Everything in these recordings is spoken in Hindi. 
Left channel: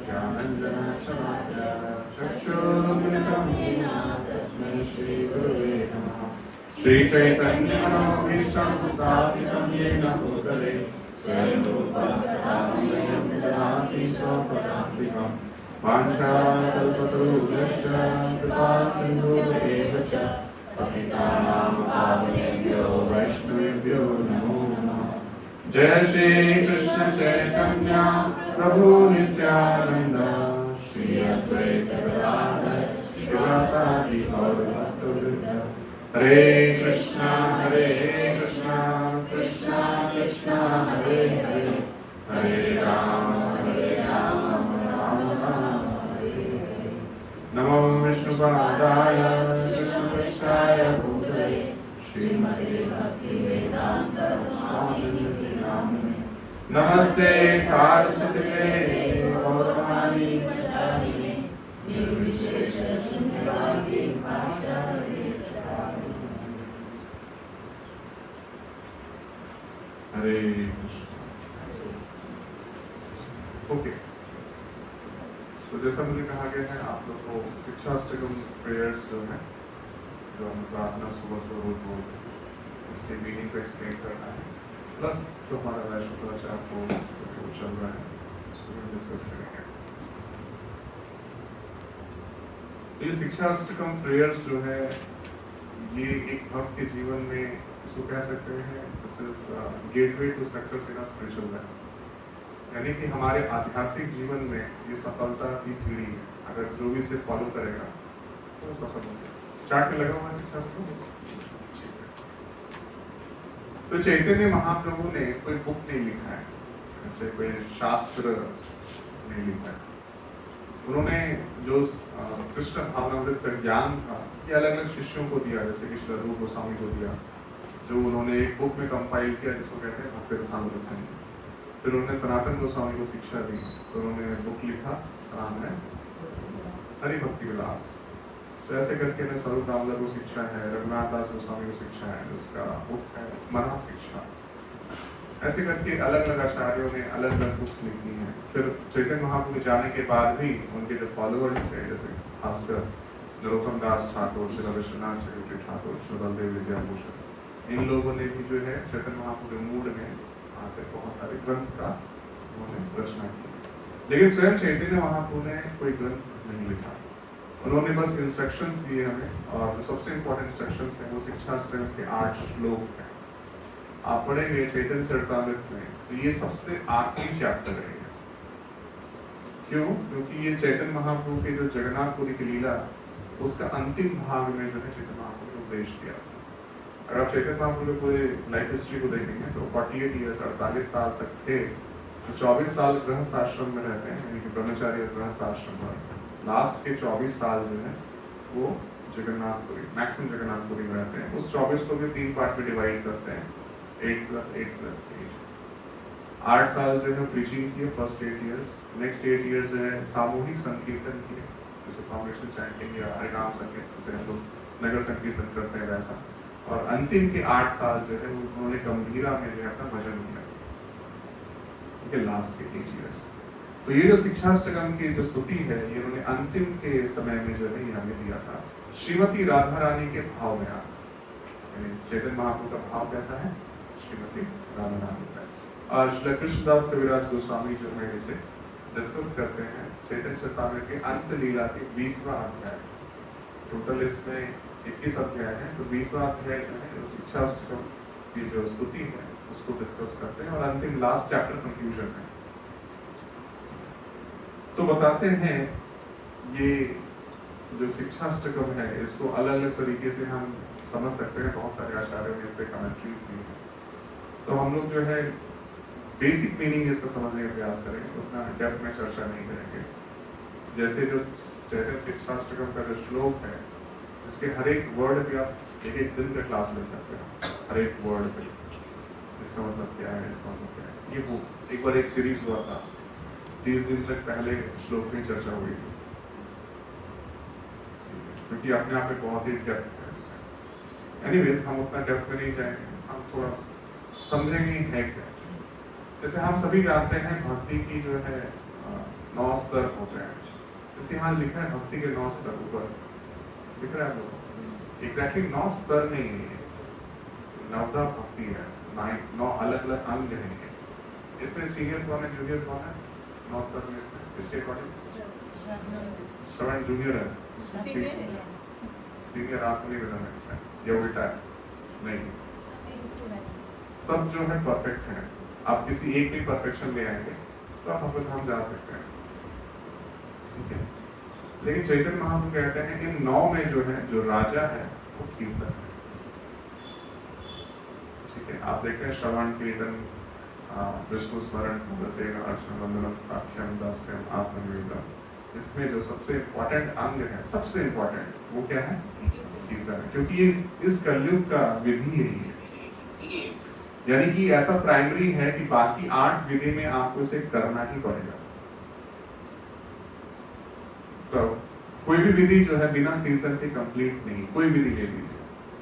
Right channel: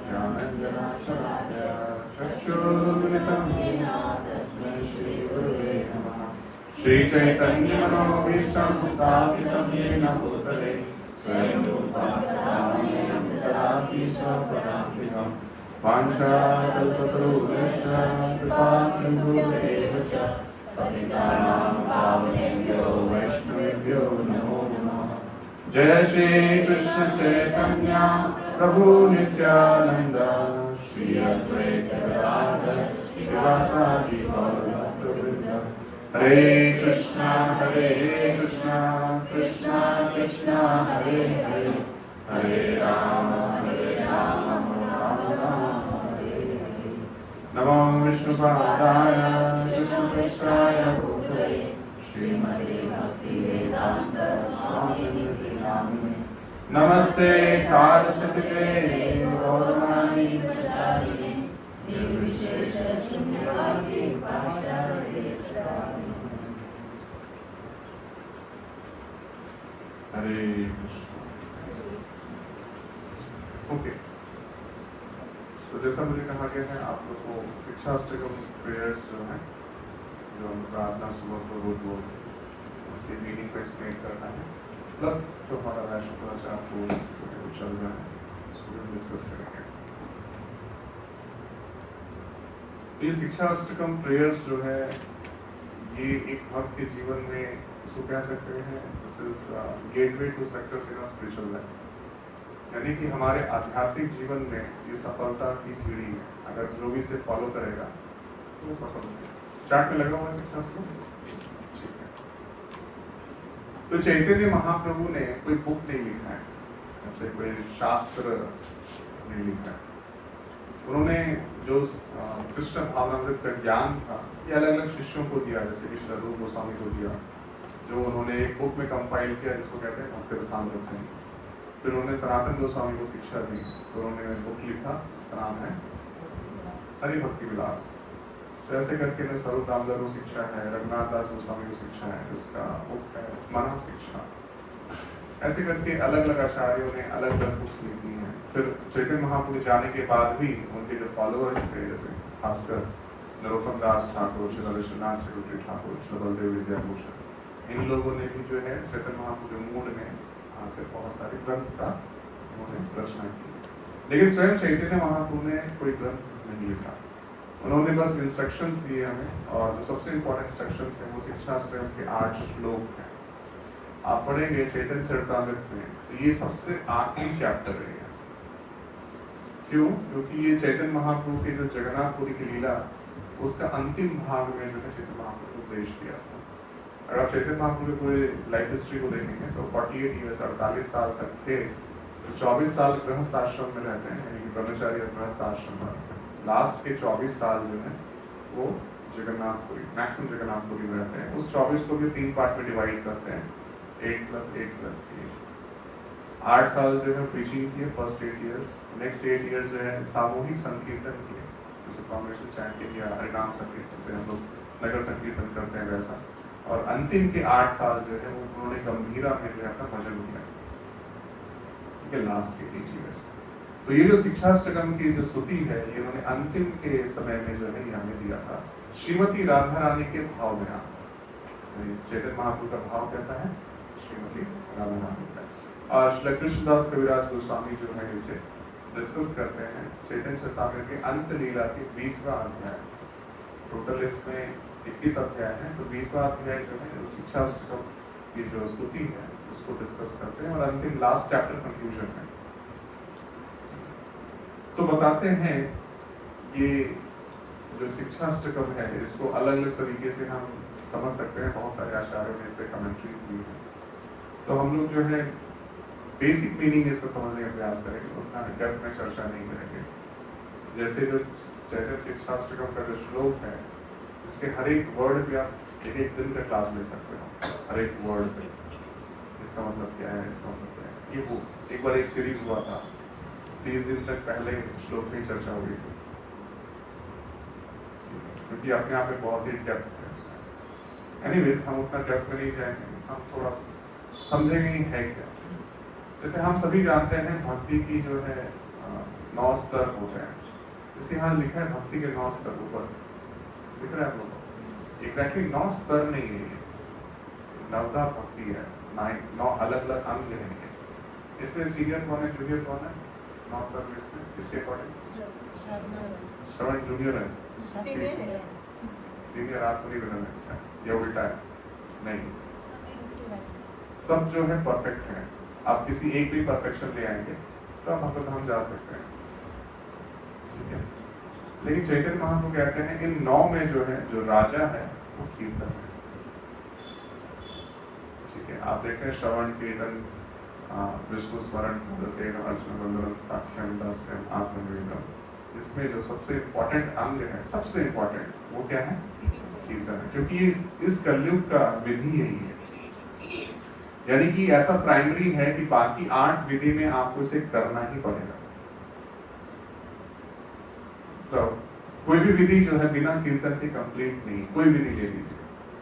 ज्ञानञ्जनशलाकया चक्षुरुन्मिलितं येन तस्मै श्रीगुरुवे नमः। श्रीचैतन्यमनोभीष्टं स्थापितं येन भूतले स्वयं रूपा कदा मह्यं ददाति स्वपदान्तिकम्। वाञ्छाकल्पतरुभ्यश्च कृपासिन्धुभ्येव च पतितानां पावनेभ्यो वैष्णवेभ्यो नमो नमः। जय श्री कृष्ण चैतन्य प्रभु नित्यानंद श्री अद्वैत गदाधर श्रीवासादि गौरभक्तवृंद। हरे कृष्णा कृष्णा कृष्णा हरे हरे, हरे राम राम राम हरे हरे। नमो विष्णुपादाय कृष्णपृष्ठाय भूतले श्रीमते भक्तिवेदांत स्वामिनिधि नामिने। नमस्ते सारस्वती गौरवाणी प्रचारिणे निर्विशेष शून्यवादी भाषाते। हरे कृष्ण। ओके, तो जैसा मुझे कहा गया है आप लोग को शिक्षाष्टकम प्रेयर्स जो है, जो हम प्रार्थना सुबह सुबह रोज उसके मीनिंग को एक्सप्लेन करना है, प्लस जो हमारा राष्ट्रप्रचार को चल रहा है उसको भी डिस्कस करेंगे। ये शिक्षाष्टकम प्रेयर्स जो है ये एक भक्त के जीवन में इसको कह सकते हैं this is gateway to success in spiritual life, यानी कि हमारे आध्यात्मिक जीवन में ये सफलता की सीढ़ी है। अगर जो भी इसे फॉलो करेगा तो सफल होगा। चार्ट में लगा हुआ है शिक्षाष्टकम। तो चैतन्य महाप्रभु ने कोई बुक नहीं लिखा है, ऐसे कोई शास्त्र नहीं लिखा है। उन्होंने जो कृष्ण भावनामृत का ज्ञान था ये अलग अलग शिष्यों को दिया, जैसे कि श्री रूप गोस्वामी को दिया, जो उन्होंने एक बुक में कंपाइल किया जिसको कहते हैं भक्ति रसामृत रसायन। फिर उन्होंने सनातन गोस्वामी को शिक्षा दी, तो उन्होंने बुक लिखा, उसका नाम है हरि भक्ति विलास। तो ऐसे करके स्वरूप दामोदर को शिक्षा है, रघुनाथ दास गोस्वामी को शिक्षा है, जिसका बुक है मना शिक्षा। ऐसे करके अलग अलग आचार्यों ने अलग अलग बुक्स लिखी हैं। फिर चैतन्य महाप्रभु जाने के बाद भी उनके जो फॉलोअर्स थे, जैसे खासकर नरोत्तम दास ठाकुर, श्री विश्वनाथ चक्रवर्ती ठाकुर, श्री बलदेव विद्याभूषण, इन लोगों ने भी जो है चैतन्य महाप्रभु के मूड में आकर बहुत सारे ग्रंथ का उन्होंने रचना की। लेकिन स्वयं चैतन्य महाप्रभु ने कोई ग्रंथ नहीं लिखा, उन्होंने बस इंस्ट्रक्शंस दिए हमें, और जो सबसे इंपॉर्टेंट इंस्ट्रक्शंस हैं वो शिक्षाष्टकम के 8 श्लोक हैं। आप पढ़ेंगे चैतन्य चरितामृत में तो ये सबसे आखिरी चैप्टर है। क्यों? क्योंकि ये चैतन्य महाप्रभु के जो जगन्नाथपुरी की लीला उसका अंतिम भाग में जो है चैतन्य महाप्रभु को उपदेश दिया था। अगर आप चैतन्य महाप्रभु के लाइफ हिस्ट्री को देखेंगे तो 48 ईयर्स 48 साल तक थे, तो 24 साल गृहस्थ आश्रम में रहते हैं, यानी कि ब्रह्मचारी गृहस्थ आश्रम में। लास्ट के 24 साल जो है वो जगन्नाथपुरी, मैक्सिमम जगन्नाथपुरी में रहते हैं। उस 24 को भी 3 पार्ट में डिवाइड करते हैं, 8+8+8। 8 साल जो है प्रीचिंग किए, फर्स्ट 8 इयर्स। नेक्स्ट 8 इयर्स जो है सामूहिक संकीर्तन किए, जैसे कॉन्ग्रेशन चैंटिंग या हरिनाम संकीर्तन से हम लोग नगर संकीर्तन करते हैं वैसा। और अंतिम के 8 साल जो है उन्होंने गंभीरा में जो है अपना भजन किया, ठीक है, लास्ट के 8 इयर्स। तो ये जो शिक्षाष्टकम की जो स्तुति है ये उन्होंने अंतिम के समय में जो है ये हमें दिया था, श्रीमती राधा रानी के भाव में। चैतन्य महाप्रभु का भाव कैसा है? श्रीमती राधा रानी का। श्री कृष्णदास कविराज गोस्वामी जो है इसे डिस्कस करते हैं चैतन्य चरितामृत के अंत लीला के 20वां अध्याय। टोटल इसमें 21 अध्याय है, तो 20वां अध्याय जो है शिक्षाष्टकम की जो स्तुति है उसको डिस्कस करते हैं, और अंतिम लास्ट चैप्टर कंक्लूजन है। तो बताते हैं ये जो शिक्षाष्टकम है इसको अलग अलग तरीके से हम समझ सकते हैं, बहुत सारे आचार्यों ने इस पर कमेंट्री दी है। तो हम लोग जो है बेसिक मीनिंग इसका समझने का प्रयास करेंगे, उतना डेप्थ में चर्चा नहीं करेंगे। जैसे जो चैतन्य शिक्षाष्टकम का जो श्लोक है इसके हर एक वर्ड पे आप एक दिन का क्लास ले सकते हो, हर एक वर्ड पे इसका मतलब क्या है, इसका मतलब क्या है। ये वो एक बार एक सीरीज हुआ था, 30 दिन तक पहले श्लोक की चर्चा हुई थी, क्योंकि अपने आप में बहुत ही डेप्थ है इसका। एनीवेज हम उतना डेप्थ में नहीं जाएंगे, हम थोड़ा समझेंगे है क्या। जैसे हम सभी जानते हैं भक्ति की जो है 9 स्तर होते हैं। जैसे यहाँ लिखा है भक्ति के 9 स्तर ऊपर दिख रहा है आपको, एग्जैक्टली 9 स्तर नहीं है, नवधा भक्ति है, 9 अलग अलग अंग है। इसमें सीनियर कौन है, जूनियर कौन है? 9 स्तर में इसमें किसके अकॉर्डिंग? श्रवण जूनियर है, सीनियर आपको नहीं करना लगता है या उल्टा है? नहीं, सब जो है परफेक्ट है। आप किसी एक भी परफेक्शन ले आएंगे तो आप भगवत धाम जा सकते हैं, ठीक है। लेकिन चैतन्य महाप्रभु कहते हैं इन 9 में जो है, जो राजा है वो कीर्तन है, ठीक है। आप देखते हैं श्रवण कीर्तन विष्णु स्मरण अर्चन वंदनम साक्ष्यम दास्यम आत्मनिवेदनम, इसमें जो सबसे इंपॉर्टेंट अंग है, सबसे इंपॉर्टेंट वो क्या है? कीर्तन है, क्योंकि इस कलयुग का विधि यही है, यानी कि ऐसा प्राइमरी है कि बाकी 8 विधि में आपको इसे करना ही पड़ेगा। तो कोई भी विधि जो है बिना कीर्तन के कंप्लीट नहीं। कोई विधि ले लीजिए,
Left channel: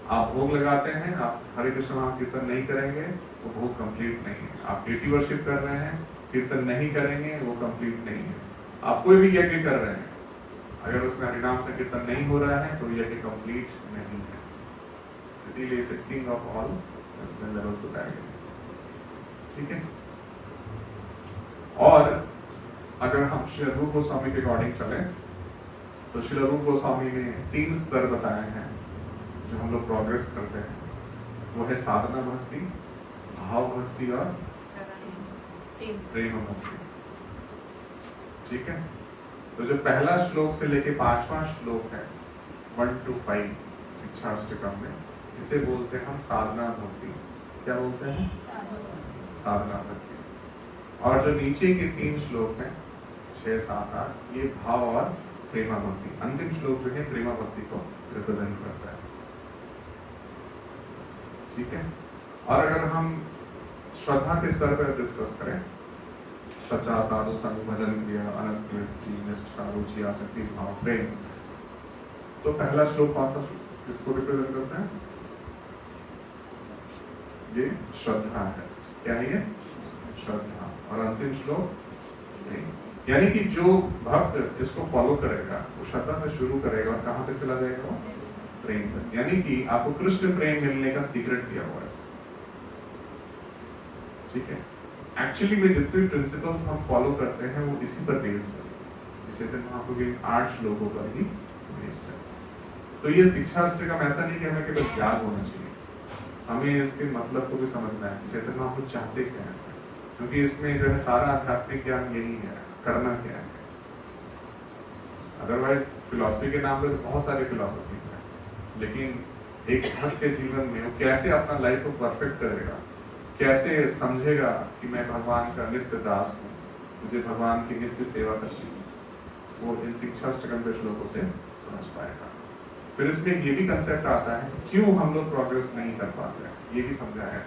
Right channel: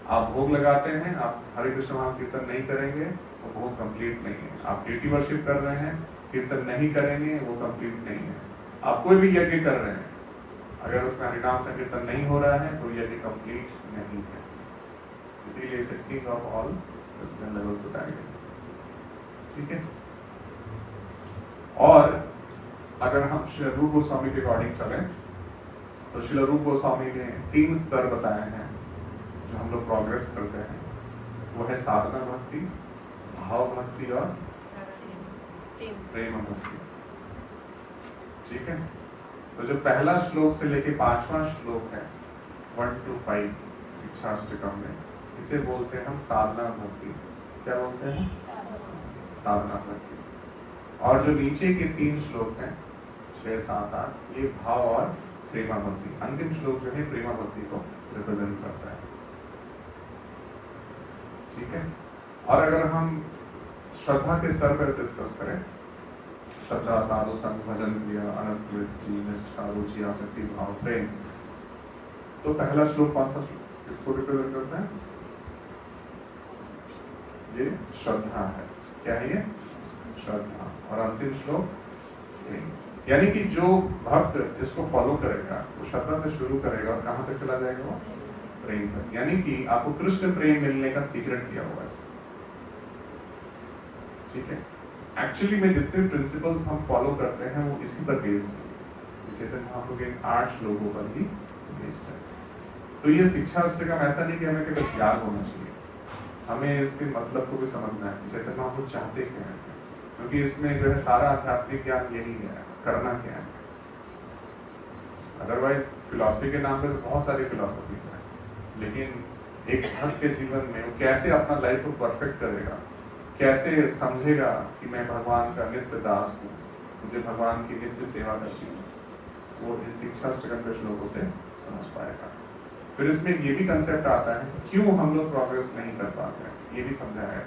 आप भोग लगाते हैं, आप हरे कृष्ण महान कीर्तन नहीं करेंगे तो भोग कंप्लीट नहीं है। आप डेटी वर्शिप कर रहे हैं, कीर्तन नहीं करेंगे वो कंप्लीट नहीं है। आप कोई भी यज्ञ कर रहे हैं, अगर उसमें हरिनाम संकीर्तन नहीं हो रहा है तो यज्ञ कंप्लीट नहीं है। इसीलिए इसे किंग ऑफ ऑल लेवल्स बताया गया, ठीक है। और अगर हम श्री रूप गोस्वामी के अकॉर्डिंग चले तो श्री रूप गोस्वामी ने 3 स्तर बताए हैं जो हम लोग प्रोग्रेस करते हैं। वो है साधना भक्ति, भाव भक्ति और प्रेम भक्ति, ठीक है। तो जो पहला श्लोक से लेके 5वां श्लोक है 1 to 5 शिक्षाष्टकम में, इसे बोलते हैं हम साधना भक्ति। क्या बोलते हैं? साधना भक्ति। और जो नीचे के 3 श्लोक हैं 6, 7, 8, ये भाव और प्रेमा भक्ति। अंतिम श्लोक जो है प्रेमा भक्ति को रिप्रेजेंट करता है, ठीक है। और अगर हम श्रद्धा के स्तर पर डिस्कस करें, श्रद्धा, साधु संग, भजन, क्रिया, अनंत कीर्ति, निष्ठा, रुचि, आसक्ति, भाव, प्रेम, तो पहला श्लोक कौन सा इसको रिप्रेजेंट करता है? ये श्रद्धा है। क्या है ये? श्रद्धा। और अंतिम श्लोक प्रेम। यानी कि जो भक्त इसको फॉलो करेगा वो श्रद्धा से शुरू करेगा और कहां तक चला जाएगा? वो प्रेम तक। यानी कि आपको कृष्ण प्रेम मिलने का सीक्रेट दिया हुआ है, ठीक है। एक्चुअली में जितने प्रिंसिपल्स हम फॉलो करते हैं वो इसी पर बेस्ड है, चैतन्य महाप्रभु के 8 श्लोकों पर ही बेस्ड है। तो ये शिक्षाष्टकम ऐसा नहीं कि हमें केवल ज्ञान होना चाहिए, हमें इसके मतलब को भी समझना है, चैतन्य महाप्रभु चाहते क्या है, क्योंकि इसमें जो है सारा आध्यात्मिक ज्ञान यही है, करना क्या है। अदरवाइज फिलॉसफी के नाम पे तो बहुत सारी फिलॉसफीज हैं, लेकिन एक भक्त के जीवन में वो कैसे अपना लाइफ को परफेक्ट करेगा, कैसे समझेगा कि मैं भगवान का नित्य दास हूँ, मुझे भगवान की नित्य सेवा करनी है, वो इन शिक्षाष्टकम के श्लोकों से समझ पाएगा। फिर इसमें ये भी कंसेप्ट आता है क्यों हम लोग प्रोग्रेस नहीं कर पाते हैं, ये भी समझाया है।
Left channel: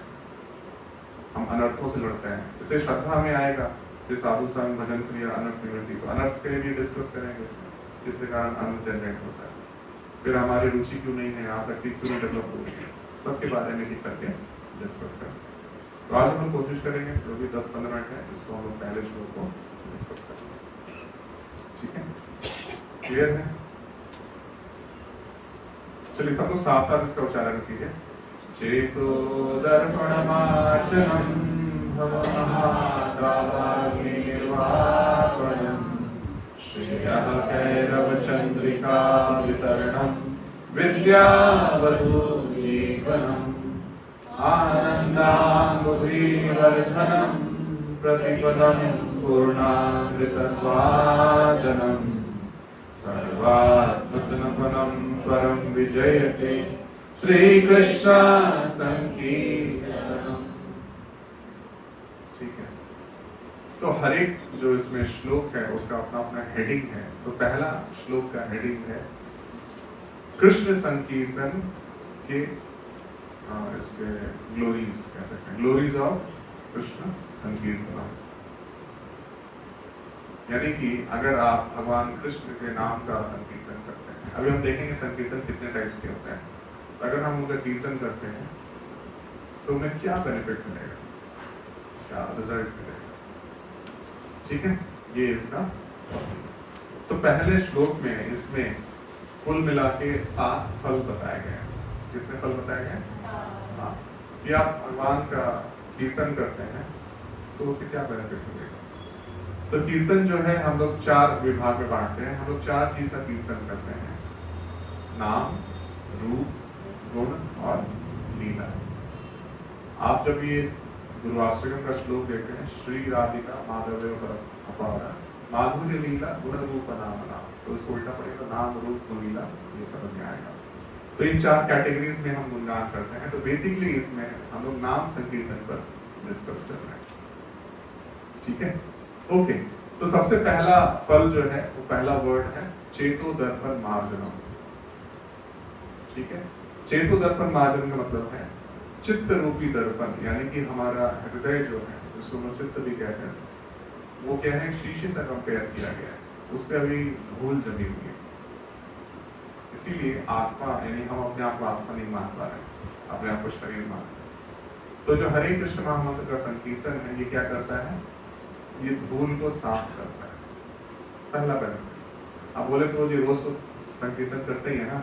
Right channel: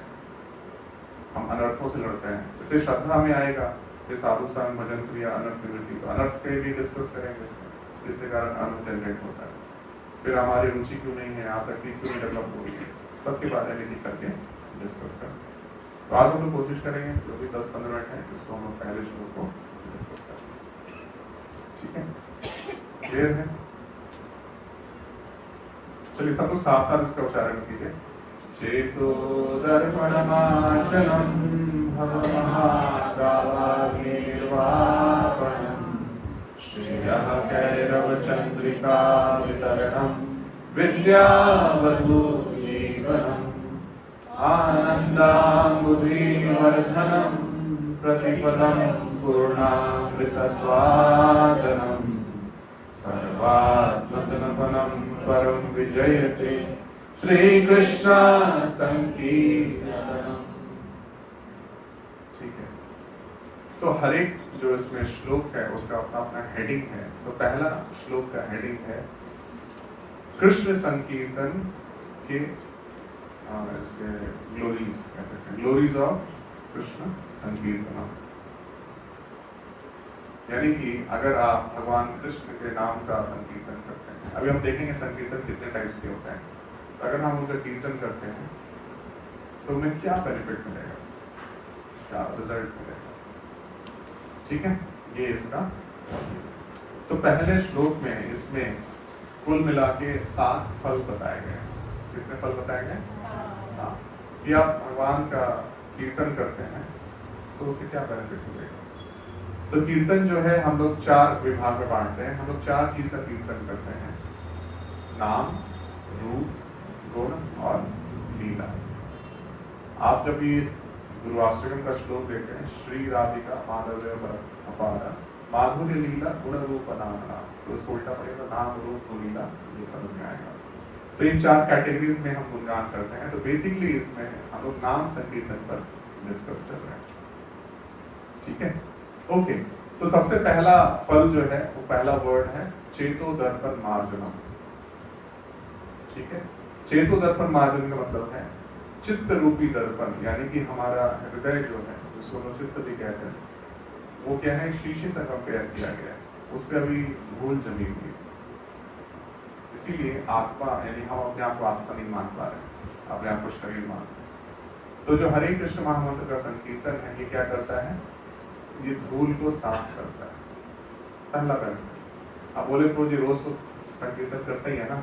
हम अनर्थों से लड़ते हैं, जैसे श्रद्धा में आएगा, फिर साधु संग, भजन क्रिया, अनर्थ निवृत्ति, तो अनर्थ के भी डिस्कस करेंगे जिसके कारण अनर्थ जनरेट होता है। फिर हमारी रुचि क्यों नहीं है, आसक्ति क्यों नहीं डेवलप हो रही है, सबके बारे में लिख करके डिस्कस करेंगे। तो आज हम लोग कोशिश करेंगे जो भी 10-15 मिनट है इसको हम लोग पहले श्लोक को डिस्कस करेंगे, ठीक है। क्लियर है? चलिए सबको साथ साथ इसका उच्चारण कीजिए। चेतो दर्पणमार्चनम भवमहादावाग्निर्वापनम श्रियः कैरवचन्द्रिका वितरणम विद्यावधूजीवनम आनन्दाम्बुधिवर्धनम प्रतिपदम पूर्णामृतस्वादनम सर्वात्मसमर्पणं परम विजयते श्रीकृष्ण संकीर्तनम। ठीक है, तो हर एक जो इसमें श्लोक है उसका अपना अपना हेडिंग है। तो पहला श्लोक का हेडिंग है कृष्ण संकीर्तन के इसके ग्लोरीज, कह सकते हैं ग्लोरीज ऑफ कृष्ण संकीर्तन। यानी कि अगर आप भगवान कृष्ण के नाम का संकीर्तन करते हैं, अभी हम देखेंगे संकीर्तन कितने टाइप्स के होते हैं, अगर हम उनका कीर्तन करते हैं तो उन्हें क्या बेनिफिट मिलेगा, क्या रिजल्ट मिलेगा। ठीक है, ये इसका तो पहले श्लोक में इसमें कुल मिला के 7 फल बताए गए। कितने फल बताए गए? 7। कि आप भगवान का कीर्तन करते हैं तो उसे क्या बेनिफिट मिलेगा? तो कीर्तन जो है हम लोग 4 विभाग में बांटते हैं। हम लोग 4 चीज का कीर्तन करते हैं: नाम, रूप, गुण और लीला। आप जब ये गुरुवाष्टकम का श्लोक देखते हैं, श्री राधिका माधव अपारा माधुर्य लीला गुण रूप नाम, तो उसको उल्टा पड़ेगा, नाम रूप गुण लीला, ये समझ में आएगा। तो इन 4 कैटेगरीज में हम गुणगान करते हैं। तो बेसिकली इसमें हम लोग नाम संकीर्तन पर डिस्कस कर रहे हैं। ठीक है, ओके। तो सबसे पहला फल जो है वो पहला वर्ड है चेतो दर्पण मार्जनम। ठीक है, चेतो दर्पण मार्जन का मतलब है चित्त रूपी दर्पण, यानी कि हमारा हृदय जो है, जिसको हम चित्त भी कहते हैं, वो क्या है, शीशे से कंपेयर किया गया है, उस पर अभी धूल जमी हुई। इसीलिए आत्मा, यानी हम अपने आप को आत्मा नहीं मान पा रहे, अपने आप को शरीर मानते हैं। तो जो हरे कृष्ण महामंत्र का संकीर्तन है, ये क्या करता है? ये धूल को साफ करता है। पहला बेनिफिट। आप बोले तो जी रोज तो संकीर्तन करते ही है ना,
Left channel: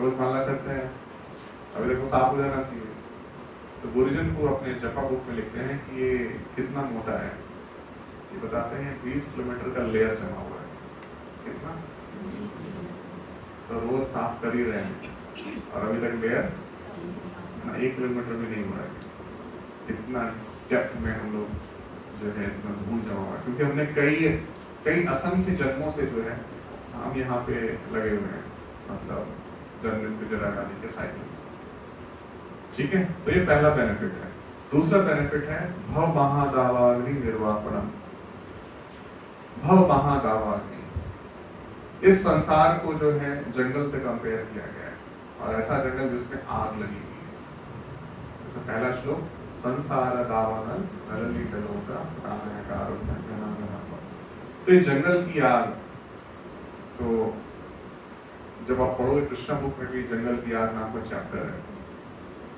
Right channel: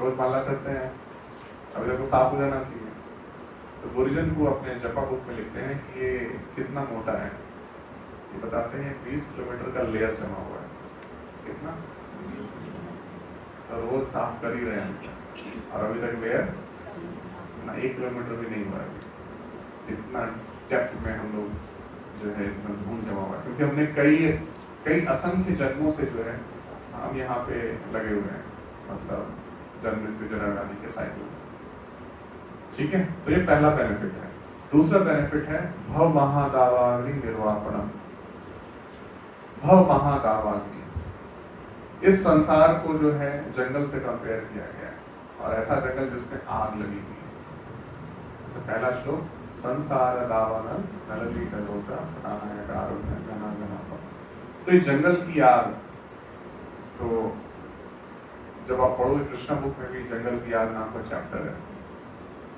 रोज माला करते हैं, अभी देखो साफ हो जाना चाहिए। तो गुरुजन को अपने जपा बुक में लिखते हैं कि ये कितना मोटा है। ये बताते हैं 20 किलोमीटर का लेयर जमा हुआ है। कितना? तो रोज साफ कर ही रहे हैं और अभी तक लेयर ना 1 किलोमीटर भी नहीं हुआ है। इतना डेप्थ में हम लोग जो है इतना धूल जमा हुआ है, क्योंकि हमने कई असंख्य जन्मों से जो है हम यहाँ पे लगे हुए हैं, मतलब जन्म मृत्यु जरा आदि के साइकिल। ठीक है, तो ये पहला बेनिफिट है। दूसरा बेनिफिट है भव महादावाग्नि निर्वापणम। भव महादावाग्नि, इस संसार को जो है जंगल से कंपेयर किया गया है, और ऐसा जंगल जिसमें आग लगी हुई है। तो पहला श्लोक, संसार दावानल नलली कलोका प्राणायाम घनांगम। तो ये जंगल की आग, तो जब आप पढ़ोगे कृष्णा बुक में भी जंगल की आग नाम का चैप्टर है।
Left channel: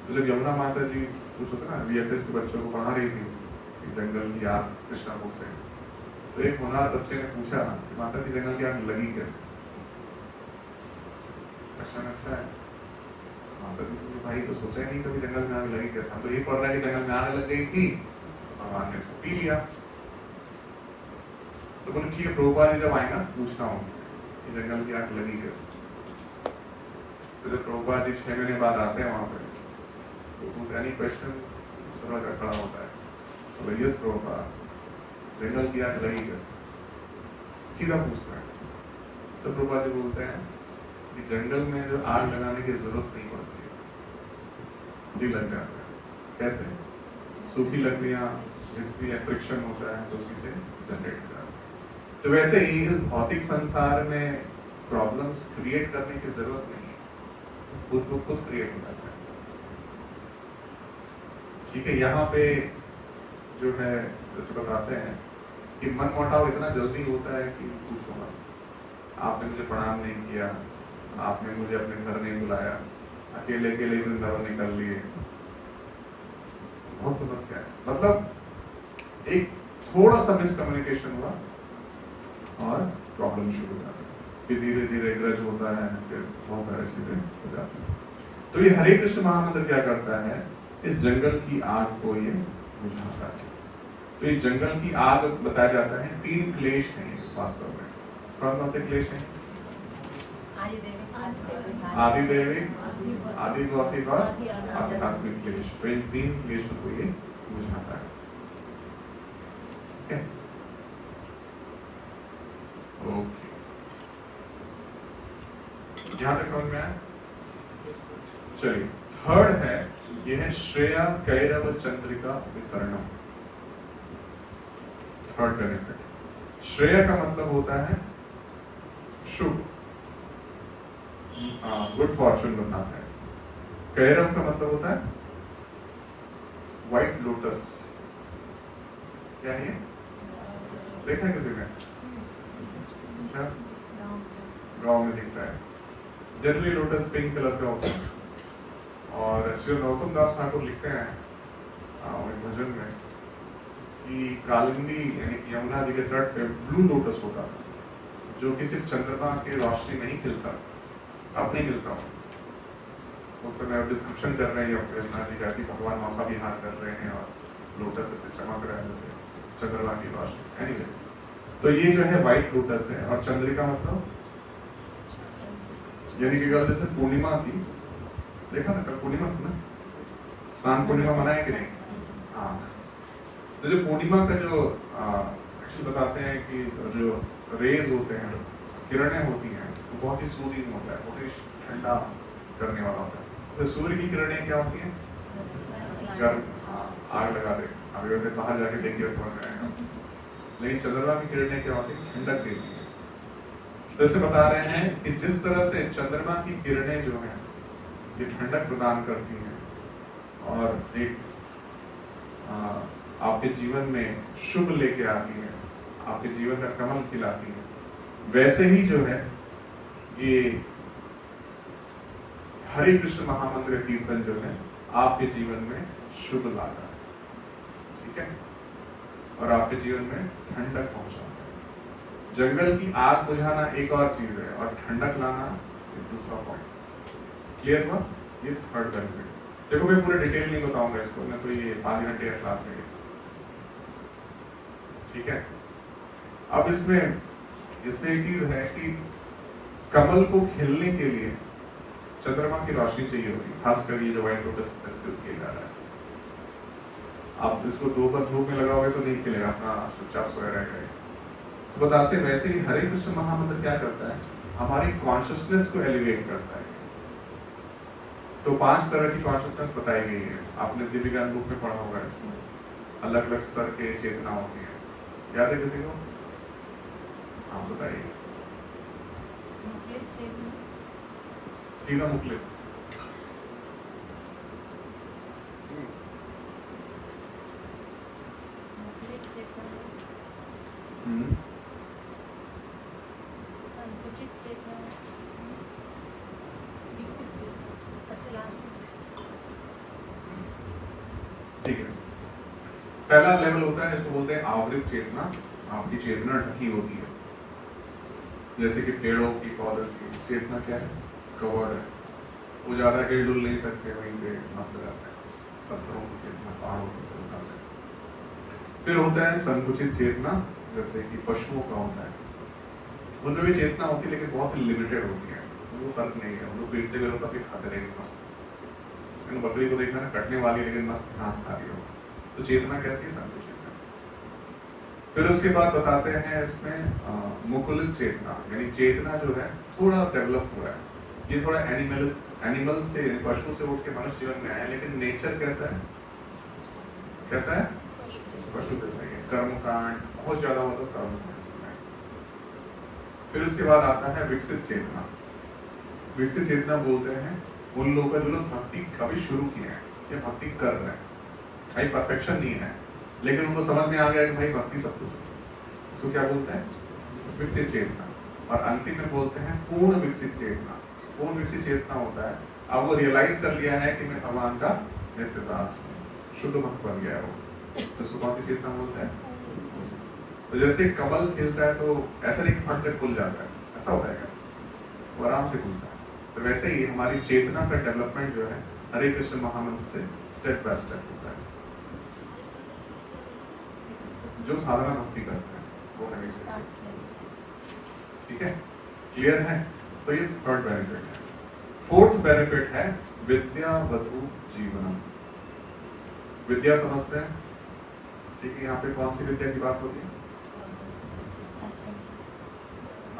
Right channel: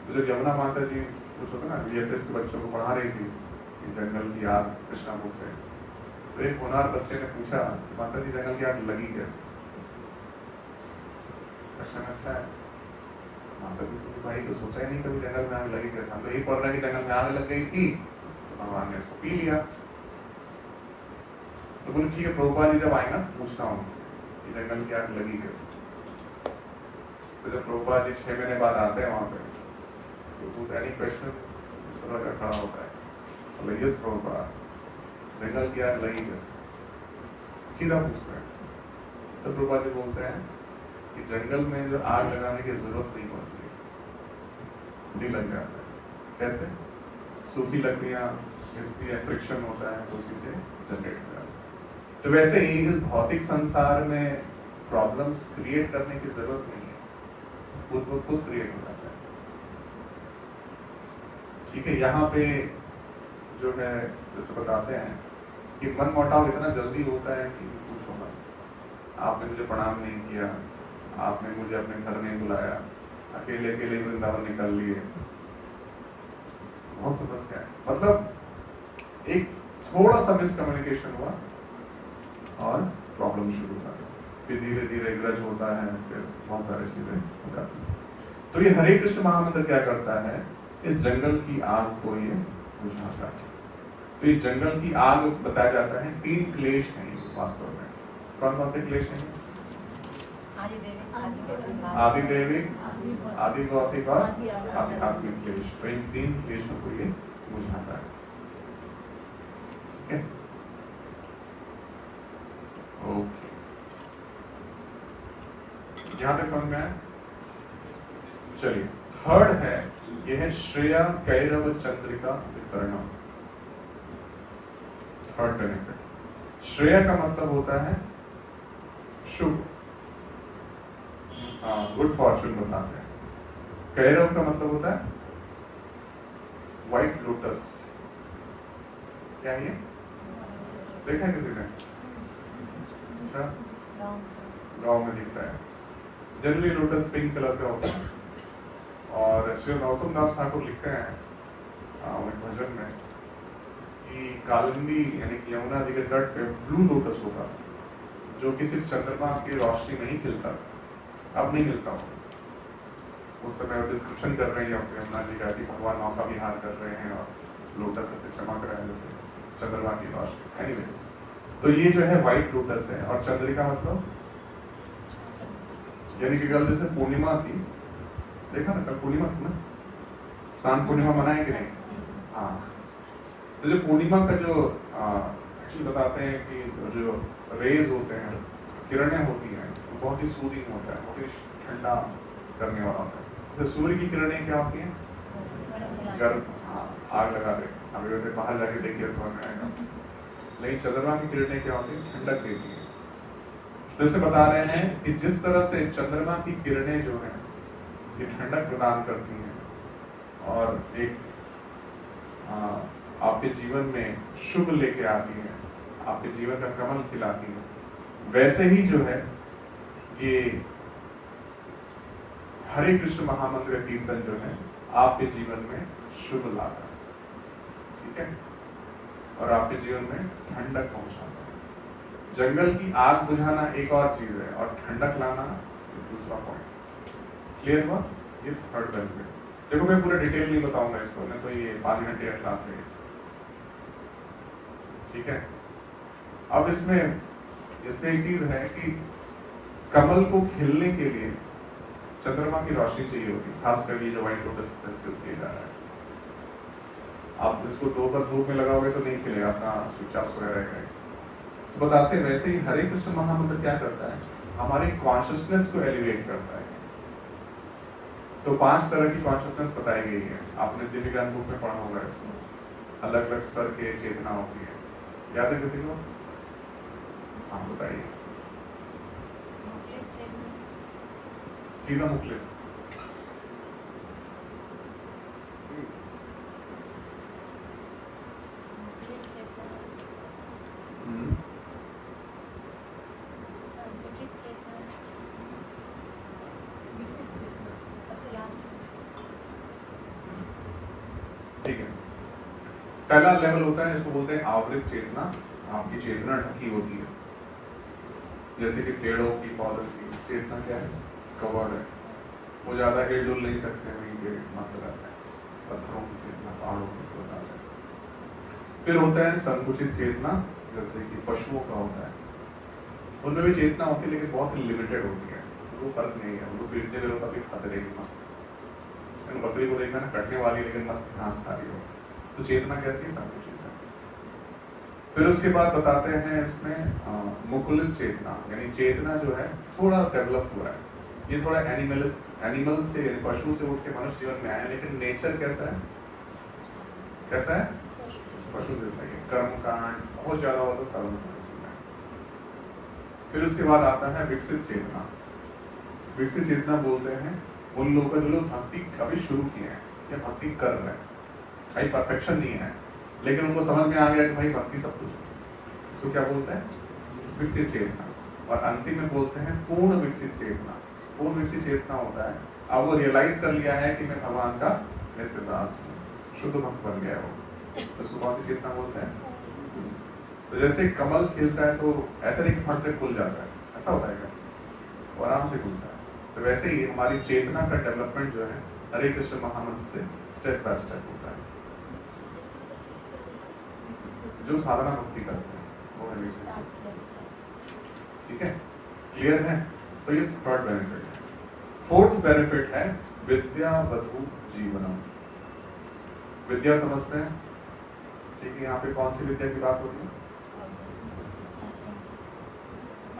तो जब यमुना माता जी कुछ होता ना VFS के बच्चों को पढ़ा रही थी कि जंगल की आग कृष्णा बुक से, तो एक होनहार बच्चे ने पूछा, माता जी जंगल की आग लगी कैसे? प्रश्न अच्छा है। माता जी तो भाई तो सोचा ही नहीं कभी जंगल में आग लगी कैसे, हम तो यही पढ़ रहे हैं कि जंगल में आग लग गई थी, भगवान ने उसको पी लिया। तो बोले ठीक है, प्रभुपाद जी जब आए ना पूछना उनसे कि जंगल की आग लगी कैसे। तो जब प्रभुपाद जी 6 महीने बाद आते हैं वहां पे, तो एनी क्वेश्चन सरल का खड़ा होता है, तो यस प्रभुपाद जंगल की आग लगी कैसे, सीधा पूछते हैं। तो प्रभुपाद जी बोलते हैं कि जंगल में जो आग लगाने की जरूरत नहीं पड़ती, खुद ही लग जाता है। कैसे? सूखी लकड़ियां, इसलिए फ्रिक्शन होता है, तो उसी से जनरेट होता है। तो वैसे ही इस भौतिक संसार में प्रॉब्लम्स क्रिएट करने की जरूरत नहीं है, खुद को खुद क्रिएट हो जाता है। ठीक है, यहाँ पे जो है जैसे बताते हैं कि मन मुटाव इतना जल्दी होता है कि पूछो मत। आपने मुझे प्रणाम नहीं किया, आपने मुझे अपने घर नहीं बुलाया, अकेले अकेले ही वृंदावन निकल लिए, बहुत समस्या है। मतलब एक थोड़ा सा मिसकम्युनिकेशन हुआ और प्रॉब्लम शुरू हो जाती है, फिर धीरे धीरे ग्रज होता है, फिर बहुत सारी चीजें हो जाती है। तो ये हरे कृष्ण महामंत्र क्या करता है, इस जंगल की आग को ये बुझाता है। तो ये जंगल की आग बताया जाता है 3 क्लेश हैं वास्तव में। कौन कौन से क्लेश हैं? आदि दैविक, आदि भौतिक और आध्यात्मिक क्लेश। तो इन 3 क्लेशों को ये बुझाता है। ठीक है, ओके, यहां तक समझ में आया? चलिए, थर्ड है, ये है श्रेया कैरव चंद्रिका वितरणम। थर्ड बेनिफिट, श्रेया का मतलब होता है शुभ, गुड फॉर्चून बताते हैं। कैरव का मतलब होता है व्हाइट लोटस। क्या है ये? देखा है किसी ने? अच्छा, गाँव में दिखता है। जनरली लोटस पिंक कलर का होता है, और श्री नरोत्तम दास ठाकुर लिखते हैं भजन में कि कालिंदी यानी कि यमुना जी के तट पे ब्लू लोटस होता है। जो कि सिर्फ चंद्रमा की रोशनी में ही खिलता, अब नहीं मिलता हूँ। उस समय डिस्क्रिप्शन कर रहे हैं अपने यमुना जी का कि भगवान नौका विहार कर रहे हैं और लोटस ऐसे चमक रहा है जैसे चंद्रमा की रोशनी। एनीवेज, तो ये जो है व्हाइट लोटस है। और चंद्रिका मतलब यानी कि कल जैसे पूर्णिमा थी, देखा ना, कल पूर्णिमा थी ना, स्नान पूर्णिमा मनाए कि नहीं? हाँ, तो जो पूर्णिमा का जो एक्चुअली बताते हैं कि जो रेज होते हैं, किरणें होती हैं, वो बहुत ही सूदिंग होता है, बहुत ही ठंडा करने वाला होता है। तो सूर्य की किरणें क्या होती हैं? गर्म, हाँ, आग लगा दे। अभी वैसे बाहर जाके देखिए समझ में आएगा। लेकिन चंद्रमा की किरणें क्या होती है? ठंडक देती है। तो इसे बता रहे हैं कि जिस तरह से चंद्रमा की किरणें जो हैं ये ठंडक प्रदान करती हैं और एक आपके जीवन में शुभ लेके आती है, आपके जीवन का कमल खिलाती है, वैसे ही जो है ये हरे कृष्ण महामंत्र कीर्तन जो है आपके जीवन में शुभ लाता है, ठीक है, और आपके जीवन में ठंडक पहुंचाता है। जंगल की आग बुझाना एक और चीज है और ठंडक लाना दूसरा पॉइंट। क्लियर हुआ? ये थर्ड बेनिफिट। देखो मैं पूरा डिटेल नहीं बताऊंगा इसको, ना तो ये 5 घंटे का क्लास है, ठीक है। अब इसमें एक चीज है कि कमल को खिलने के लिए चंद्रमा की रोशनी चाहिए होती है, खासकर ये जो व्हाइट लोटस डिस्कस किया जा रहा है। आप इसको दोपहर धूप में लगाओगे तो नहीं खिलेगा, अपना चुपचाप सोया रहेगा। तो बताते हैं वैसे ही हरे कृष्ण महामंत्र क्या करता है, हमारी कॉन्शियसनेस को एलिवेट करता है। तो 5 तरह की कॉन्शियसनेस बताई गई है, आपने दिव्य ज्ञान बुक में पढ़ा होगा इसको। अलग अलग स्तर के चेतना होती है, याद है किसी को? हाँ बताइए। सीधा मुखलित, ठीक है। पहला लेवल होता है इसको बोलते हैं आवृत चेतना। आपकी चेतना ढकी होती है, जैसे कि पेड़ों की, पौधों की चेतना क्या है? कवर्ड है, वो ज्यादा हिल डुल नहीं सकते, वहीं पे मस्त रहते हैं। पत्थरों की चेतना, पहाड़ों की चेतना। फिर होता है संकुचित चेतना, जैसे कि पशुओं का होता है, उनमें भी चेतना होती है लेकिन बहुत लिमिटेड होती है, वो फर्क नहीं है। उनको पीटते हुए होता है, खाते रहेंगे मस्त। बकरी को देखना ना, कटने वाली लेकिन मस्त घास खा रही हो, तो चेतना कैसी है? संकुचित है। फिर उसके बाद बताते हैं इसमें मुकुलित चेतना, यानी चेतना जो है थोड़ा डेवलप हुआ है, ये थोड़ा एनिमल से, पशु से उठ के मनुष्य जीवन में आया, लेकिन नेचर कैसा है? कैसा है? पशु जैसा ही है। कर्म कांड बहुत ज्यादा हो तो कर्म कांड। फिर उसके बाद आता है विकसित चेतना। विकसित चेतना बोलते हैं उन लोगों का जो लोग भक्ति कभी शुरू किए हैं या भक्ति कर रहे हैं, भाई परफेक्शन नहीं है लेकिन उनको समझ में आ गया कि भाई भक्ति सब कुछ है। इसको क्या बोलते हैं? विकसित चेतना। और अंतिम में बोलते हैं पूर्ण विकसित चेतना। पूर्ण विकसित चेतना होता है अब वो रियलाइज कर लिया है कि मैं भगवान का नित्य दास हूँ, शुद्ध भक्त बन गया वो। इसको कौन सी चेतना बोलते हैं? तो जैसे कमल खिलता है तो ऐसा नहीं कि फट से खुल जाता है, ऐसा होता है क्या? वो आराम से खुलता है। तो वैसे ही हमारी चेतना का डेवलपमेंट जो है हरे कृष्ण महामंत्र से स्टेप बाय स्टेप होता है। जो साधना भक्ति करते हैं वो है ये, ठीक है, क्लियर है? तो ये थर्ड बेनिफिट है। फोर्थ बेनिफिट है विद्या वधु जीवनम। विद्या समझते हैं, ठीक है। यहाँ पे कौन सी विद्या की बात होती है?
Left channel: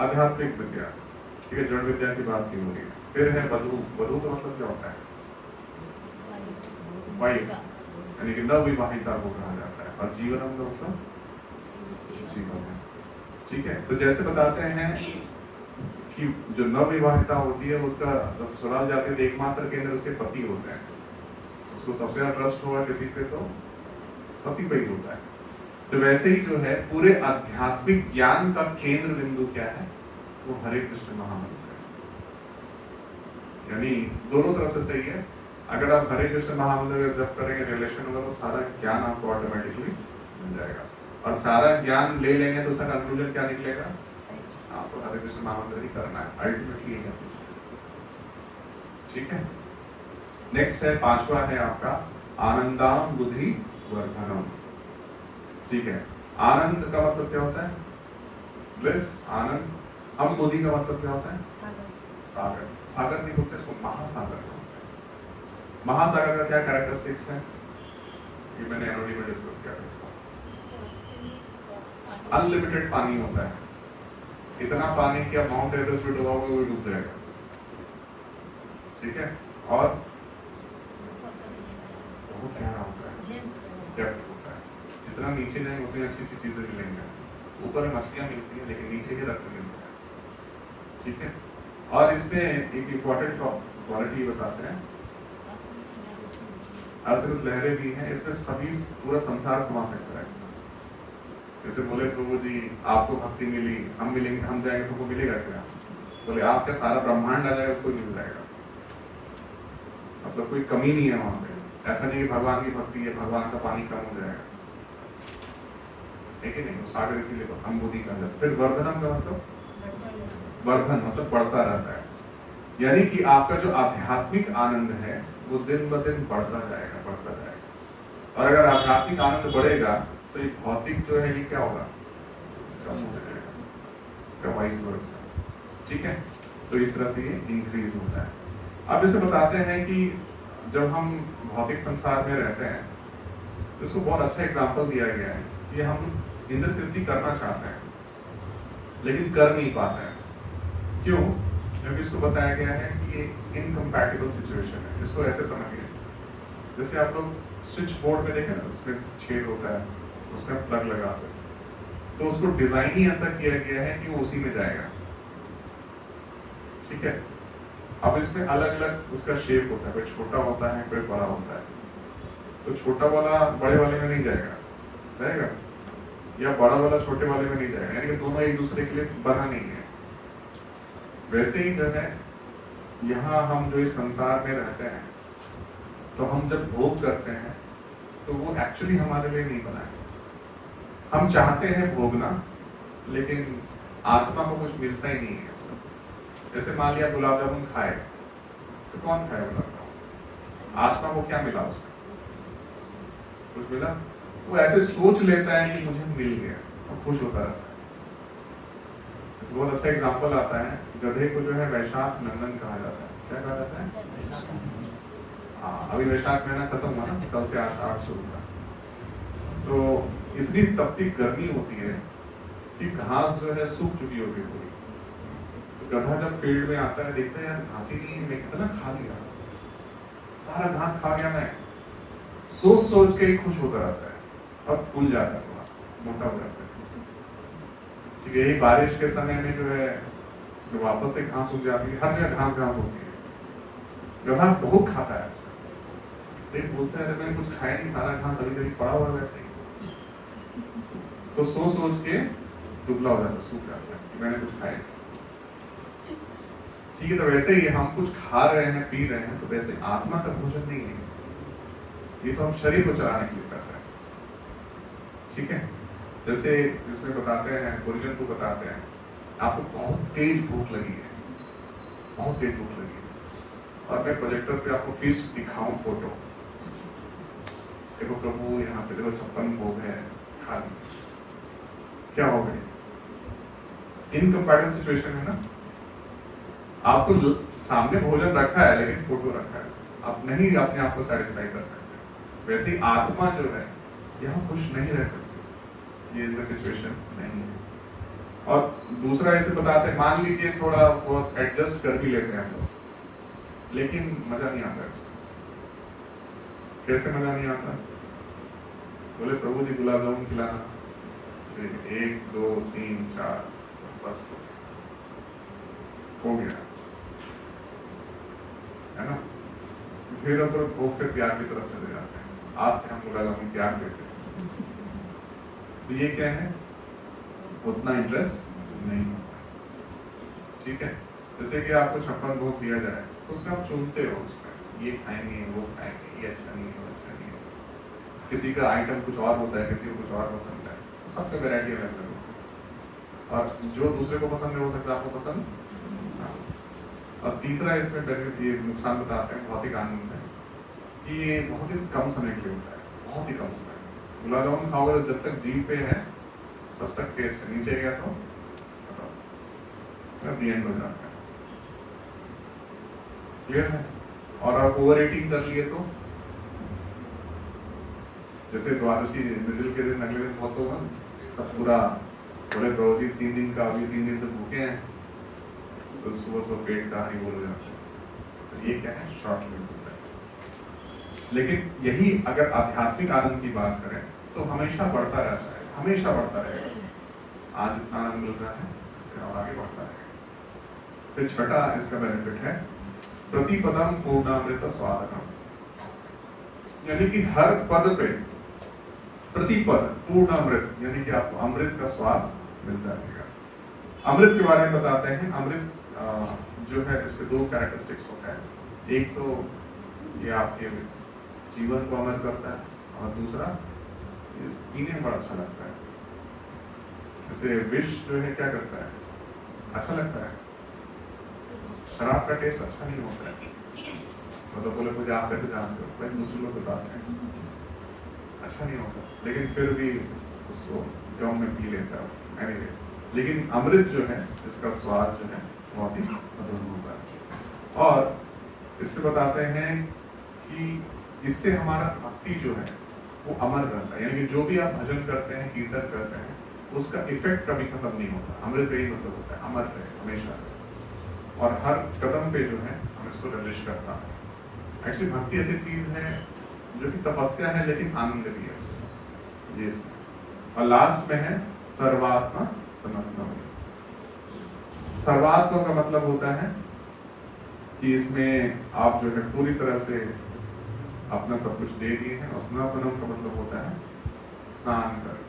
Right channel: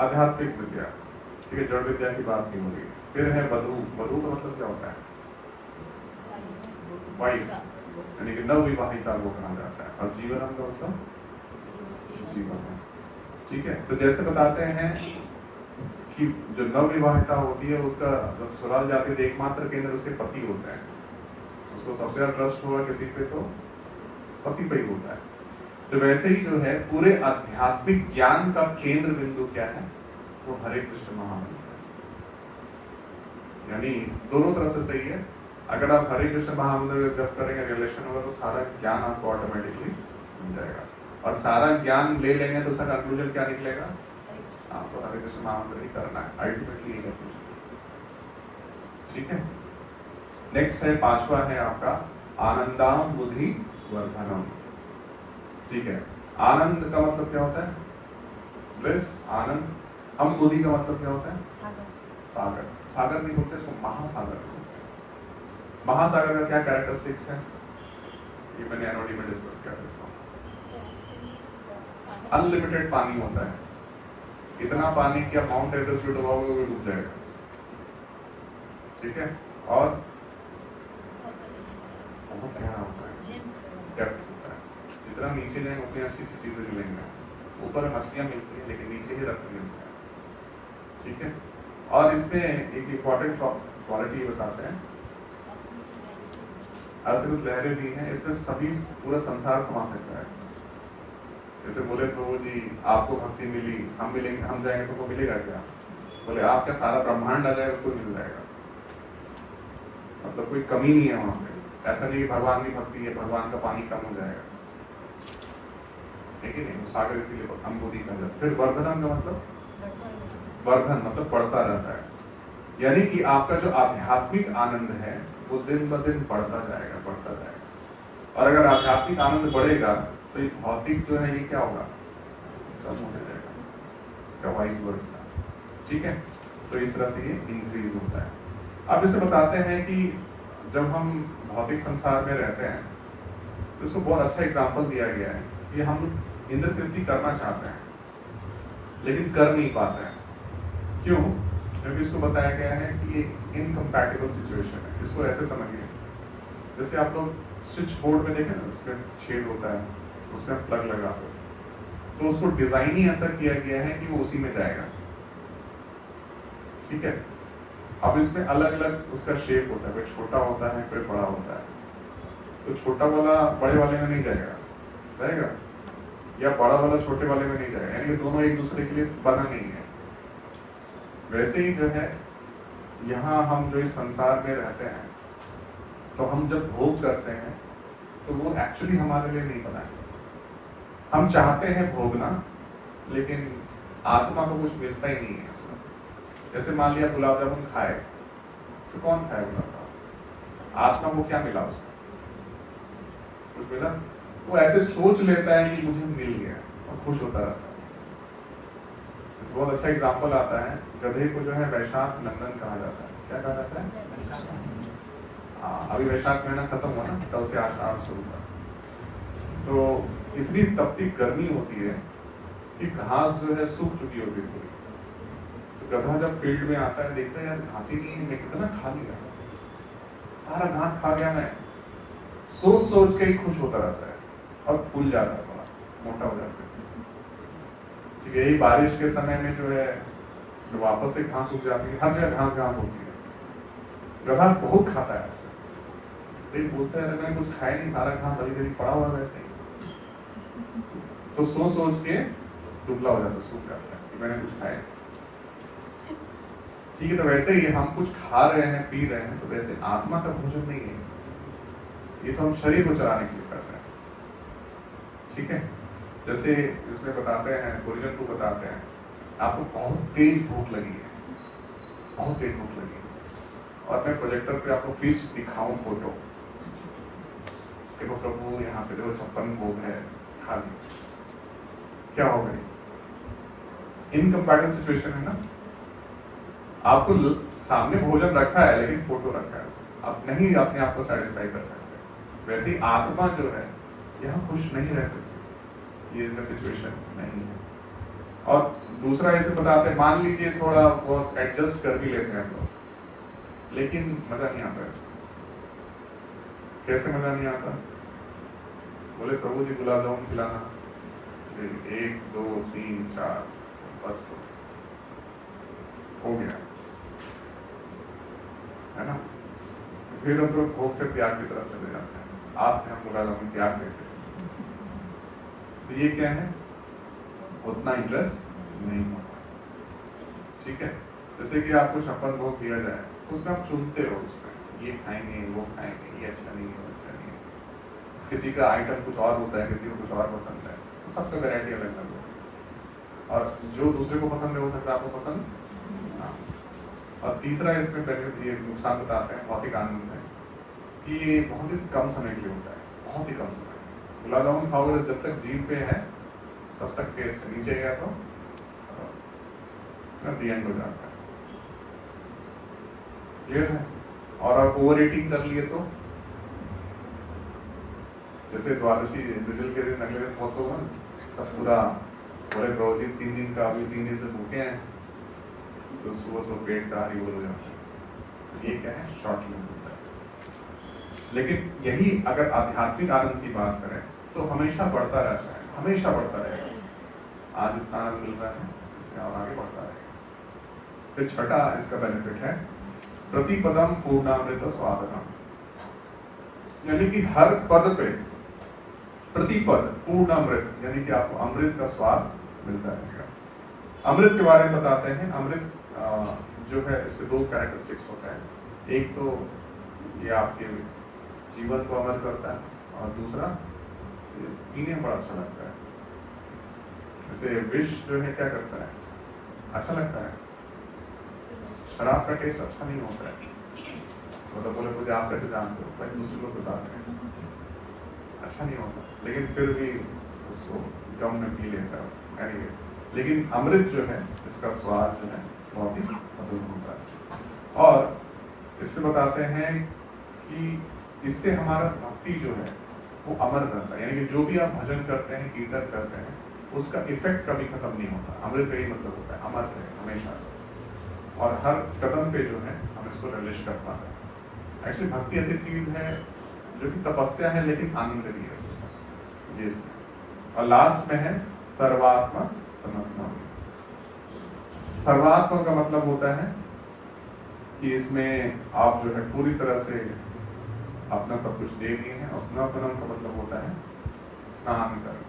आध्यात्मिक विद्या, ठीक है, जड़ विद्या की बात नहीं होगी। फिर है वधु। वधु का मतलब क्या होता है? वाइफ, यानी कि नवविवाहिता को कहा जाता है। और जीवनम का मतलब जीवन है, ठीक है। तो जैसे बताते हैं कि जो नवविवाहिता होती है उसका ससुराल जाती है, एकमात्र केंद्र उसके पति होते हैं। उसको सबसे ज्यादा ट्रस्ट होगा किसी पे तो पति पे ही होता है। तो वैसे ही जो है पूरे आध्यात्मिक ज्ञान का केंद्र बिंदु क्या है? वो हरे कृष्ण महामंत्र है। यानी दोनों तरफ से सही है। अगर आप हरे कृष्ण महामंत्र का जप करेंगे, रिलेशन होगा, तो सारा ज्ञान आपको ऑटोमेटिकली मिल जाएगा। और सारा ज्ञान ले लेंगे तो उसका कंक्लूजन क्या निकलेगा? आपको हरे कृष्ण नामोच्चारण करना है, अल्टीमेटली ये करना चाहिए। ठीक है। नेक्स्ट है, पांचवा है आपका आनंदाम बुद्धि वर्धनम। ठीक है, आनंद का मतलब क्या होता है? ब्लिस, आनंद। हम बुद्धि का मतलब क्या होता है? सागर। सागर नहीं बोलते इसको, महासागर। महासागर का क्या कैरेक्टरिस्टिक्स है? ये मैंने एनओडी में डिस्कस किया था इसको। अनलिमिटेड पानी होता है, इतना पानी कि आप माउंट एवरेस्ट भी डुबाओगे वो डूब जाएगा। ठीक है, और वो क्या होता है? डेप्थ होता है। जितना नीचे जाएंगे उतनी अच्छी अच्छी चीजें मिलेंगे। ऊपर मछलियां मिलती है लेकिन नीचे ही रत्न मिलता है। ठीक है, और इसमें एक इम्पोर्टेंट क्वालिटी बताते हैं, असीमित लहरें भी हैं इसमें, सभी पूरा संसार समा सकता है। जैसे बोले प्रभु जी आपको भक्ति मिली, हम मिलेंगे, हम जाएंगे तो वो मिलेगा क्या? बोले आपका सारा ब्रह्मांड आ जाए उसको मिल जाएगा, मतलब कोई कमी नहीं है वहां पे। ऐसा नहीं कि भगवान की भक्ति है भगवान का पानी कम हो जाएगा, ठीक है नहीं, सागर इसीलिए अम्बुदी कहा जाता है। फिर वर्धनम का मतलब, वर्धन मतलब बढ़ता रहता है, यानी कि आपका जो आध्यात्मिक आनंद है वो दिन ब दिन बढ़ता जाएगा, बढ़ता जाएगा। और अगर आध्यात्मिक आनंद बढ़ेगा तो ये भौतिक जो है ये क्या होगा? कम हो जाएगा, इसका वाइस वर्सा। ठीक है, तो इस तरह से ये इंक्रीज होता है। अब इसे बताते हैं कि जब हम भौतिक संसार में रहते हैं तो इसको बहुत अच्छा एग्जाम्पल दिया गया है कि हम इंद्र तृप्ति करना चाहते हैं लेकिन कर नहीं पाते हैं। क्यों? क्योंकि इसको बताया गया है कि ये इनकम्पैटिबल सिचुएशन है। इसको ऐसे समझिए, जैसे आप लोग स्विच बोर्ड में देखें ना, उसमें छेद होता है, उसमें प्लग लगाते हैं, तो उसको डिजाइन ही ऐसा किया गया है कि वो उसी में जाएगा। ठीक है, अब इसमें अलग अलग उसका शेप होता है, कोई छोटा होता है कोई बड़ा होता है, तो छोटा वाला बड़े वाले में नहीं जाएगा, जाएगा, या बड़ा वाला छोटे वाले में नहीं जाएगा, यानी कि दोनों एक दूसरे के लिए बना नहीं है। वैसे ही जो है यहाँ हम जो इस संसार में रहते हैं तो हम जब भोग करते हैं तो वो एक्चुअली हमारे लिए नहीं बना है। हम चाहते हैं भोगना लेकिन आत्मा को कुछ मिलता ही नहीं है। जैसे मान लिया गुलाब जामुन खाए तो कौन खाए गुलाब जामुन? आत्मा को क्या मिला उसको? कुछ मिला? वो ऐसे सोच लेता है कि मुझे मिल गया और खुश होता रहता है। इस बहुत अच्छा एग्जाम्पल आता है, गधे को जो है वैशाख नंदन कहा जाता है। क्या कहा जाता है? अभी वैशाख महीना खत्म हुआ ना, कल से आषाढ़ शुरू हुआ, तो इतनी तपती गर्मी होती है कि घास जो है सूख चुकी होती है पूरी। तो गधा जब फील्ड में आता है देखता है यार घास ही नहीं है, मैं कितना खा लिया, सारा घास खा गया मैं, सोच सोच के ही खुश होता रहता है और फूल जाता है, मोटा हो जाता है। ठीक है, यही बारिश के समय में जो है तो वापस से घास उग जाती है, हर जगह घास घास होती है। गधा बहुत खाता है, फिर बोलता है मैंने कुछ खाया नहीं, सारा घास अभी कभी पड़ा हुआ वैसे ही, तो सोच सोच के दुबला हो जाता, सूख जाता है कि मैंने कुछ खाया। ठीक है, तो वैसे ही हम कुछ खा रहे हैं पी रहे हैं तो वैसे आत्मा का भोजन नहीं है, ये तो हम शरीर को चलाने के लिए कर रहे हैं। ठीक है, जैसे इसमें बताते हैं, गुरुजन को बताते हैं, आपको बहुत तेज भूख लगी है, बहुत तेज भूख लगी है, और मैं प्रोजेक्टर पे आपको फीस्ट दिखाऊं फोटो, देखो प्रभु यहाँ पे देखो 56 भोग है, खा ली, क्या हो गई? इनकम्पैटिबल सिचुएशन है ना। आपको सामने भोजन रखा है लेकिन फोटो रखा है, आप नहीं अपने आप को सेटिस्फाई कर सकते। वैसे आत्मा जो है यहाँ खुश नहीं रह सकती, ये इनका सिचुएशन नहीं है। और दूसरा ऐसे बताते हैं, मान लीजिए थोड़ा बहुत एडजस्ट कर भी लेते हैं हम लोग, लेकिन मजा नहीं आता है। कैसे मजा नहीं आता? बोले प्रभु जी गुलाब जामुन खिलाना, 1 2 3 4 बस हो गया, है ना। फिर तो भोग से त्याग की तरफ चले जाते हैं, आज से हम गुलाब जामुन त्याग देते हैं, तो ये क्या है? उतना इंटरेस्ट नहीं होता। ठीक है, जैसे कि आपको 56 भोग दिया जाए तो उसमें आप चुनते हो, उसमें ये खाएंगे वो खाएंगे, ये अच्छा नहीं है अच्छा नहीं है। किसी का आइटम कुछ और होता है, किसी को कुछ और पसंद है, तो सबका वैरायटी अलग अलग है। और जो दूसरे को पसंद नहीं हो सकता आपको पसंद ना। और तीसरा इसमें ये नुकसान बताते हैं भौतिक आनंद में कि ये बहुत ही कम समय के लिए होता है, बहुत ही कम समय। गुलाब जामुन खाओगे तो जब तक जीभ पे है तब तक टेस्ट है, नीचे गया तो दी एंड हो जाता है। क्लियर है? और आप ओवर ईटिंग कर लिए तो जैसे द्वादशी मिडिल के दिन अगले दिन बहुत होगा सब पूरा बोले प्रभु जी 3 दिन का अभी 3 दिन से भूखे हैं तो सुबह पेट का ही बोल जाना। ये क्या है? शॉर्ट लिव होता है। लेकिन यही अगर आध्यात्मिक आनंद की बात करें तो हमेशा बढ़ता रहता है, हमेशा बढ़ता रहेगा। आज इतना आनंद मिलता है इससे और आगे बढ़ता है। फिर छठा इसका बेनिफिट है प्रतिपदम पूर्णामृत स्वादनम, यानी कि हर पद पे प्रतिपद पूर्णामृत यानी कि आपको अमृत का स्वाद मिलता रहेगा। अमृत के बारे में बताते हैं। अमृत जो है इसके 2 कैरेक्टरिस्टिक्स होते हैं। एक तो ये आपके जीवन को अमर करता है और दूसरा पीने में बड़ा अच्छा लगता है। जैसे विष जो है क्या करता है? अच्छा लगता है। शराब का टेस्ट अच्छा नहीं होता है। मतलब बोले मुझे आप कैसे जानते हो? पहले दूसरे लोग बताते हैं अच्छा नहीं होता, लेकिन फिर भी उसको गम में पी लेता है। anyway, लेकिन अमृत जो है इसका स्वाद जो है बहुत ही अद्भुत होता है। और इससे बताते हैं कि इससे हमारा भक्ति जो है वो अमर रहता है, यानी कि जो भी आप भजन करते हैं कीर्तन करते हैं उसका इफेक्ट कभी खत्म नहीं होता। अमृत का ही मतलब होता है अमर रहे हमेशा, और हर कदम पे जो है हम इसको रिलिश कर पाते हैं। एक्चुअली भक्ति ऐसी चीज है जो कि तपस्या है लेकिन आनंद भी है ये। और लास्ट में है सर्वात्मा समर्पण। सर्वात्मा का मतलब होता है कि इसमें आप जो है पूरी तरह से अपना सब कुछ दे दिए हैं, और समर्पणम का मतलब होता है स्नान करना,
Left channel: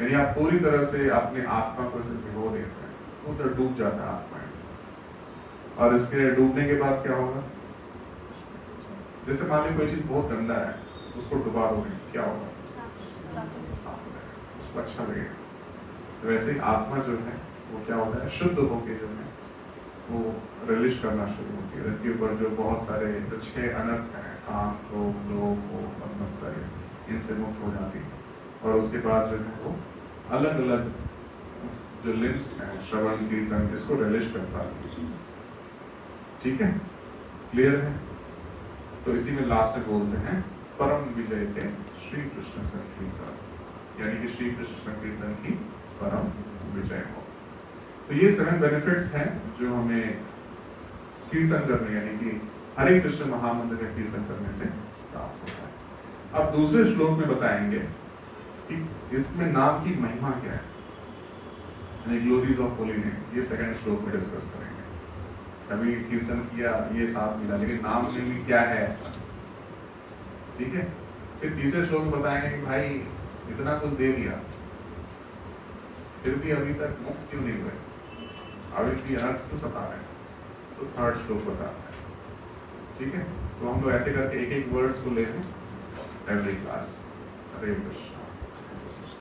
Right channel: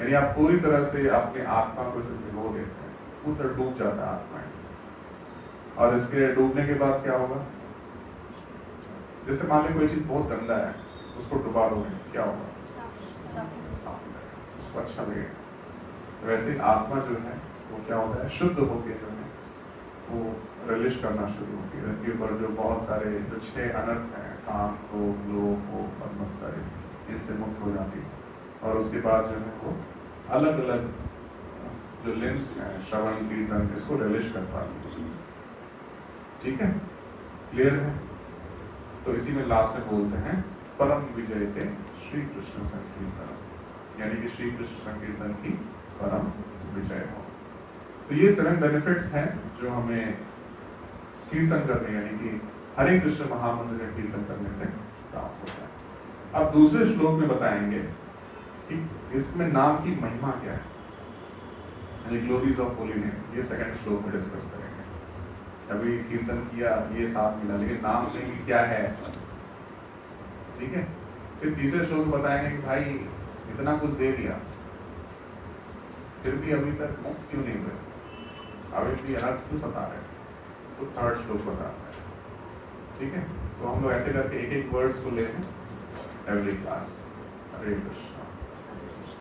यानी आप पूरी तरह से अपने आत्मा को जो भिगो देते हैं, पूरा डूब जाता है आत्मा। और इसके डूबने के बाद क्या होगा? जैसे मान लीजिए कोई चीज बहुत गंदा है, उसको डुबा दोगे, क्या होगा? उसको अच्छा लगेगा। वैसे आत्मा जो है वो क्या होता है? शुद्ध होके जो है वो रिलिश करना शुरू होती है। धरती पर जो बहुत सारे जो 6 अनर्थ हैं, काम, क्रोध, लोभ, बहुत सारे, इनसे मुक्त हो जाती है। और उसके बाद जो है वो अलग अलग जो लिम्स हैं, श्रवण, कीर्तन, इसको रिलिश कर पाती है। ठीक है? क्लियर है? तो इसी में लास्ट में बोलते हैं परम विजय के श्री कृष्ण संकीर्तन, यानी कि श्री कृष्ण संकीर्तन की परम विजय हो। तो ये 7 बेनिफिट्स हैं जो हमें कीर्तन करने यानी कि हरे कृष्ण महामंत्र का कीर्तन करने से प्राप्त होता है। अब दूसरे श्लोक में बताएंगे कि इसमें नाम की महिमा क्या है, ग्लोरीज ऑफ होली नेम। ये 2nd श्लोक में डिस्कस करेंगे। अभी कीर्तन किया ये साथ मिला, लेकिन नाम के लिए क्या है ऐसा? ठीक है? फिर तीसरे श्लोक में बताएंगे कि भाई इतना कुछ दे दिया फिर भी अभी तक मुक्त क्यों नहीं हुए, अभी भी अनर्थ क्यों सता रहे? तो 3rd श्लोक बताता है। ठीक है? तो हम लोग ऐसे करके एक वर्ड्स को ले रहे हैं एवरी क्लास। हरे कृष्ण।